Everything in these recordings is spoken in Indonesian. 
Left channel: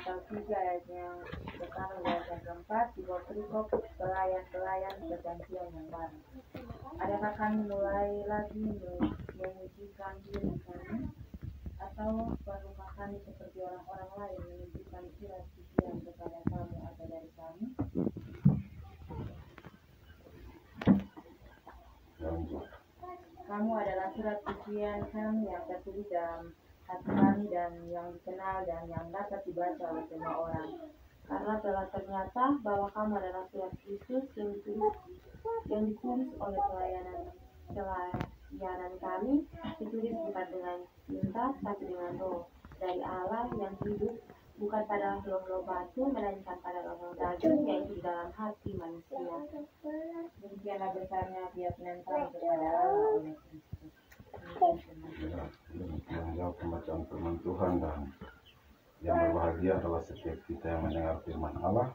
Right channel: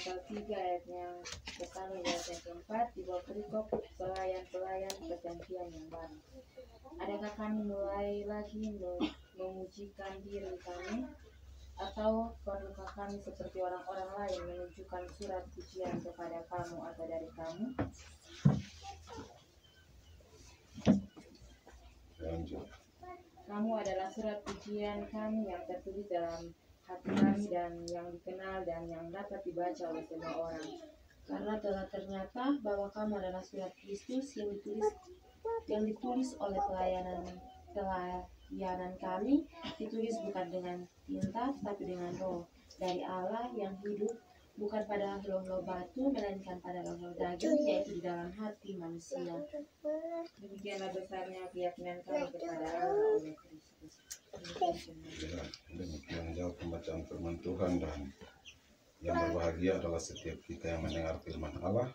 pasal 3 ayatnya pertama dan yang keempat di bawah perikop pelayan perjanjian yang baru. Adakah kami mulai lagi memujikan diri kami, atau perlukah kami seperti orang-orang lain menunjukkan surat pujian kepada kamu atau dari kamu? Kamu adalah surat pujian kami yang tertulis dalam hati kami dan yang dikenal dan yang dapat dibaca oleh semua orang. Karena telah ternyata bahwa kamu adalah surat Kristus yang ditulis oleh pelayanan kami, ditulis bukan dengan tinta tapi dengan roh dari Allah yang hidup, bukan pada loh-loh batu melainkan pada loh-loh daging, yaitu di dalam hati manusia. Demikianlah besarnya keyakinan kami kepada Allah oleh Kristus. Demikian jauh pembacaan firman Tuhan, dan yang berbahagia adalah setiap kita yang mendengar firman Allah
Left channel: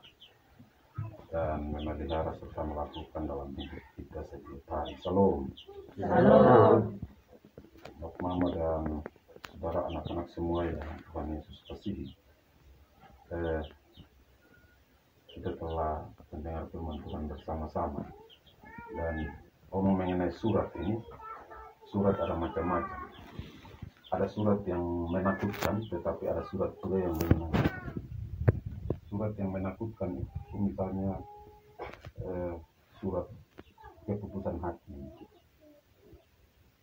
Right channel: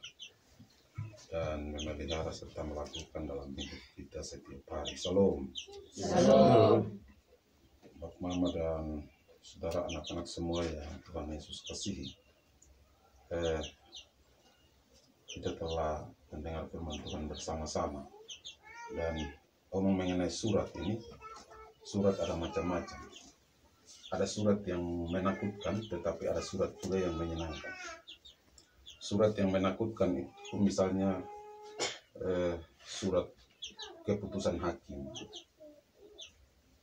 dan memelihara serta melakukan dalam hidup kita setiap hari. Salam. Salam. Bapak, Mama, dan saudara anak-anak semua yang Tuhan Yesus kasihi, kita telah mendengar firman Tuhan bersama-sama, dan omong mengenai surat ini. Surat ada macam-macam. Ada surat yang menakutkan, tetapi ada surat juga yang menyenangkan. Surat yang menakutkan itu misalnya surat keputusan hakim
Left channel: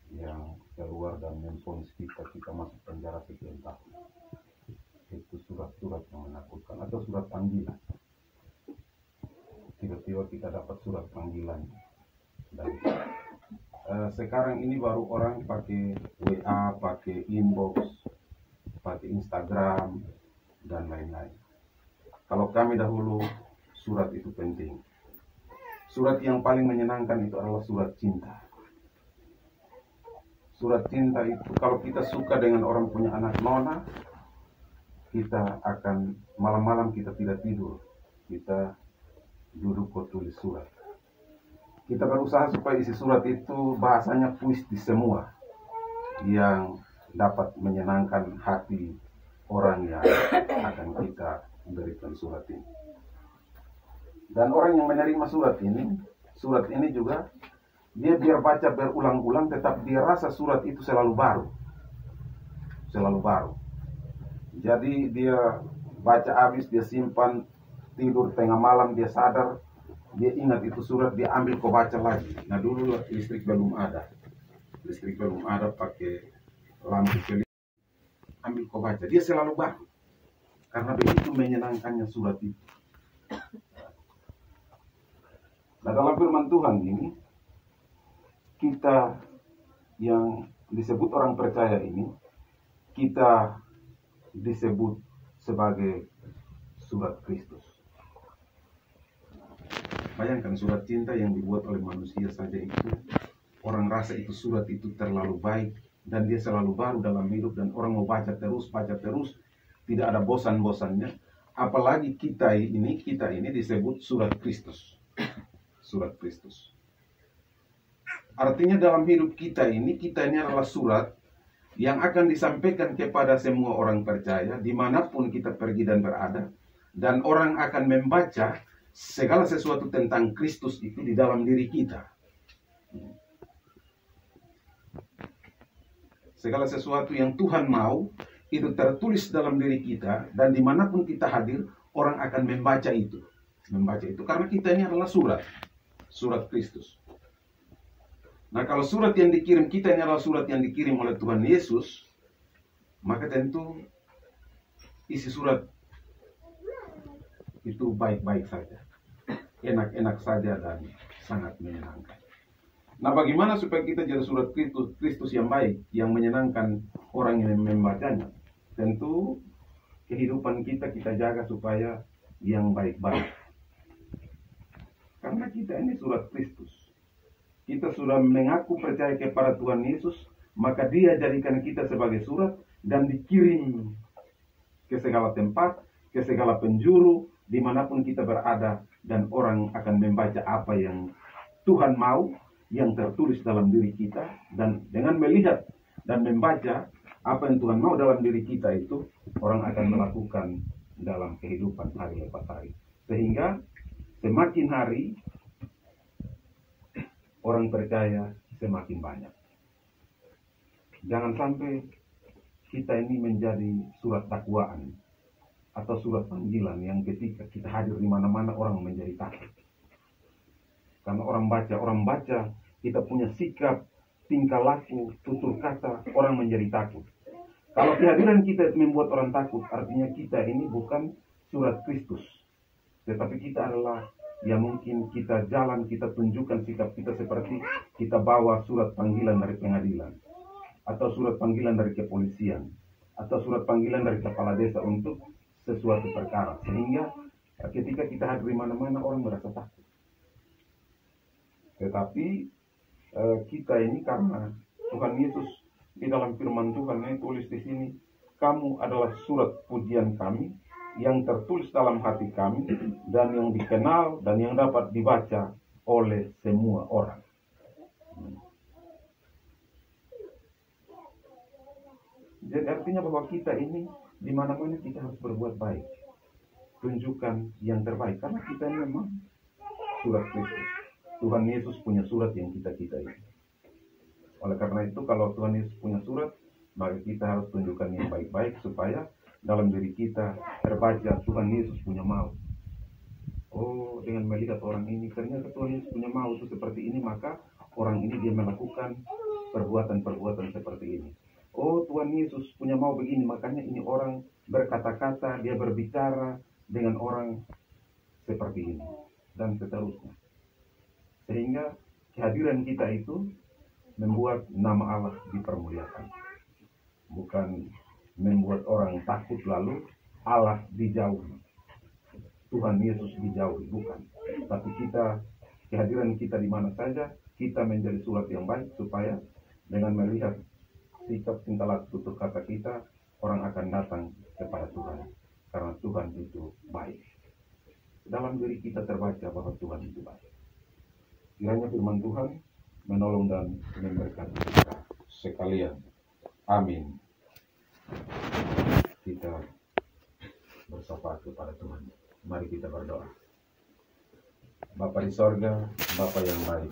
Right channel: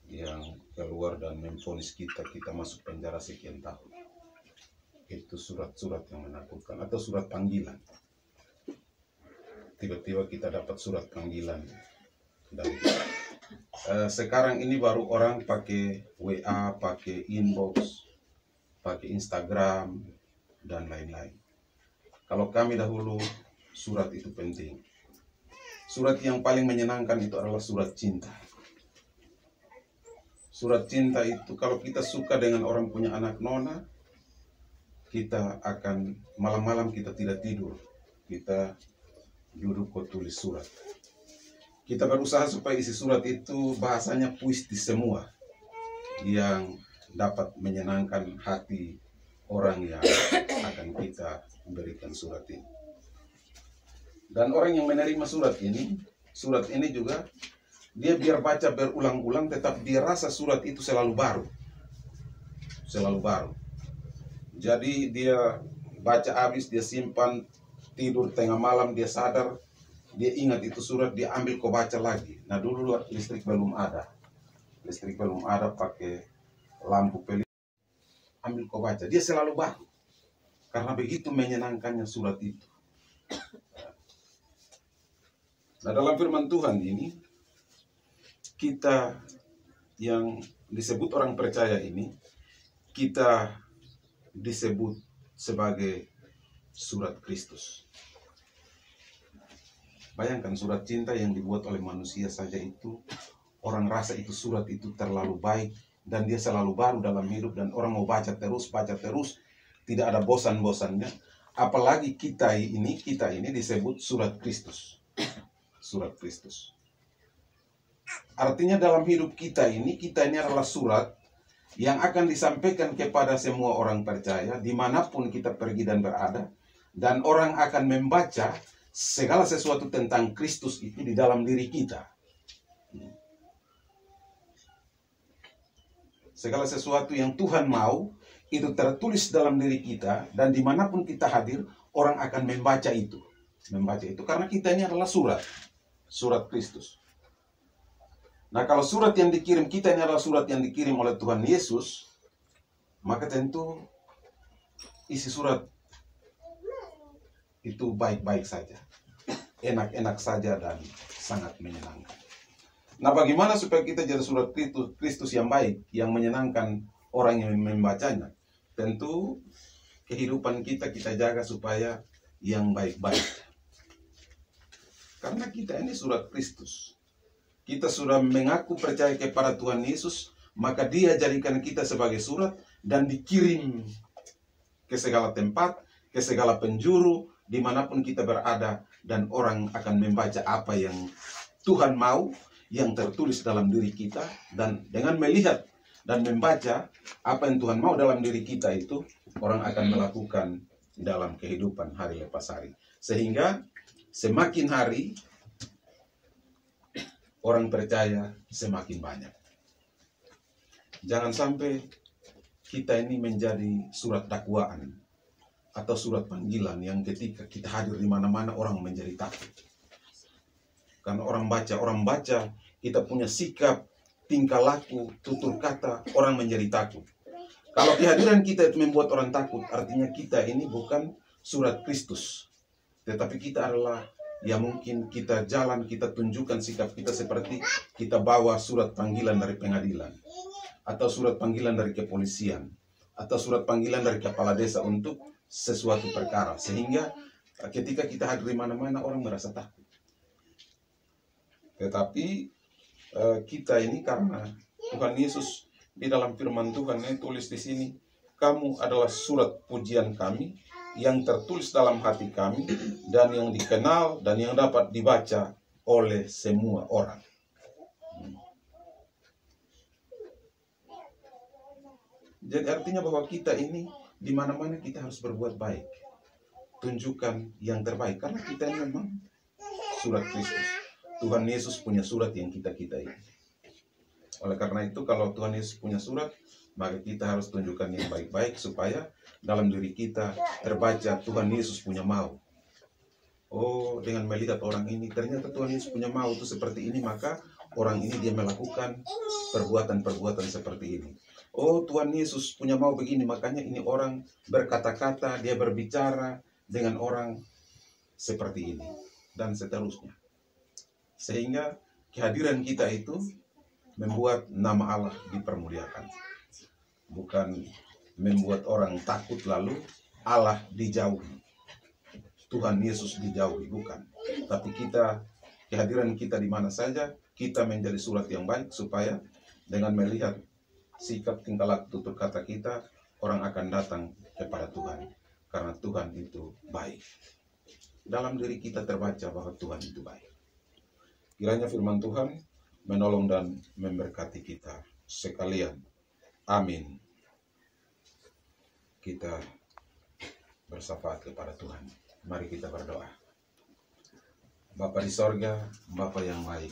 yang keluar dan memvonis kita masuk penjara sekian tahun. Itu surat-surat yang menakutkan. Atau surat panggilan. Tiba-tiba kita dapat surat panggilan dari sekarang ini baru orang pakai WA, pakai inbox, pakai Instagram, dan lain-lain. Kalau kami dahulu, surat itu penting. Surat yang paling menyenangkan itu adalah surat cinta. Surat cinta itu kalau kita suka dengan orang punya anak nona, kita akan malam-malam kita tidak tidur. Kita duduk kok tulis surat. Kita berusaha supaya isi surat itu bahasanya puitis semua, yang dapat menyenangkan hati orang yang akan kita berikan surat ini. Dan orang yang menerima surat ini juga dia biar baca berulang-ulang, tetap dia rasa surat itu selalu baru. Selalu baru. Jadi dia baca habis, dia simpan, tidur tengah malam dia sadar, dia ingat itu surat, dia ambil kau baca lagi. Nah dulu listrik belum ada. Listrik belum ada, pakai lampu pelita. Ambil kau baca, dia selalu baru. Karena begitu menyenangkannya surat itu. Nah dalam firman Tuhan ini, kita yang disebut orang percaya ini, kita disebut sebagai surat Kristus. Bayangkan surat cinta yang dibuat oleh manusia saja itu, orang rasa itu surat itu terlalu baik, dan dia selalu baru dalam hidup, dan orang mau baca terus, tidak ada bosan-bosannya. Apalagi kita ini disebut surat Kristus. Surat Kristus. Artinya dalam hidup kita ini adalah surat yang akan disampaikan kepada semua orang percaya, dimanapun kita pergi dan berada, dan orang akan membaca segala sesuatu tentang Kristus itu di dalam diri kita. Segala sesuatu yang Tuhan mau, itu tertulis dalam diri kita, dan dimanapun kita hadir, orang akan membaca itu. Karena kita ini adalah surat Kristus. Nah kalau surat yang dikirim kita ini adalah surat yang dikirim oleh Tuhan Yesus, maka tentu isi surat itu baik-baik saja, enak-enak saja, dan sangat menyenangkan. Nah bagaimana supaya kita jadi surat Kristus yang baik, yang menyenangkan orang yang membacanya? Tentu kehidupan kita jaga supaya yang baik-baik. Karena kita ini surat Kristus. Kita sudah mengaku percaya kepada Tuhan Yesus, maka Dia jadikan kita sebagai surat dan dikirim ke segala tempat, ke segala penjuru, dimanapun kita berada, dan orang akan membaca apa yang Tuhan mau, yang tertulis dalam diri kita. Dan dengan melihat dan membaca apa yang Tuhan mau dalam diri kita itu, orang akan melakukan dalam kehidupan hari lepas hari. Sehingga semakin hari orang percaya semakin banyak. Jangan sampai kita ini menjadi surat dakwaan atau surat panggilan yang ketika kita hadir di mana-mana orang menjadi takut. Karena orang baca kita punya sikap, tingkah laku, tutur kata, orang menjadi takut. Kalau kehadiran kita membuat orang takut, artinya kita ini bukan surat Kristus. Tetapi kita adalah, ya mungkin kita jalan, kita tunjukkan sikap kita seperti kita bawa surat panggilan dari pengadilan, atau surat panggilan dari kepolisian, atau surat panggilan dari kepala desa untuk sesuatu perkara. Sehingga ketika kita hadir di mana-mana orang merasa takut. Tetapi kita ini karena Tuhan Yesus di dalam firman Tuhan ini tulis di sini, kamu adalah surat pujian kami yang tertulis dalam hati kami dan yang dikenal dan yang dapat dibaca oleh semua orang. Jadi artinya bahwa kita ini di mana-mana kita harus berbuat baik, tunjukkan yang terbaik karena kita ini memang surat Kristus. Tuhan Yesus punya surat yang kita ini. Oleh karena itu kalau Tuhan Yesus punya surat, maka kita harus tunjukkan yang baik-baik supaya dalam diri kita terbaca Tuhan Yesus punya mau. Oh, dengan melihat orang ini ternyata Tuhan Yesus punya mau itu seperti ini, maka orang ini dia melakukan perbuatan-perbuatan seperti ini. Oh, Tuhan Yesus punya mau begini, makanya ini orang berkata-kata, dia berbicara dengan orang seperti ini dan seterusnya. Sehingga kehadiran kita itu membuat nama Allah dipermuliakan. Bukan membuat orang takut lalu Allah dijauhi. Tuhan Yesus dijauhi, bukan. Tapi kehadiran kita di mana saja, kita menjadi surat yang baik supaya dengan melihat sikap, tingkah laku, tutur kata kita, orang akan datang kepada Tuhan. Karena Tuhan itu baik. Dalam diri kita terbaca bahwa Tuhan itu baik. Kiranya firman Tuhan menolong dan memberkati kita sekalian. Amin. Kita bersyafaat kepada Tuhan. Mari kita berdoa. Bapa di sorga, Bapa yang baik,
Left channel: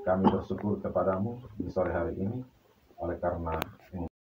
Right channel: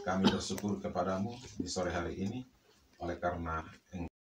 kami bersyukur kepadamu di sore hari ini oleh karena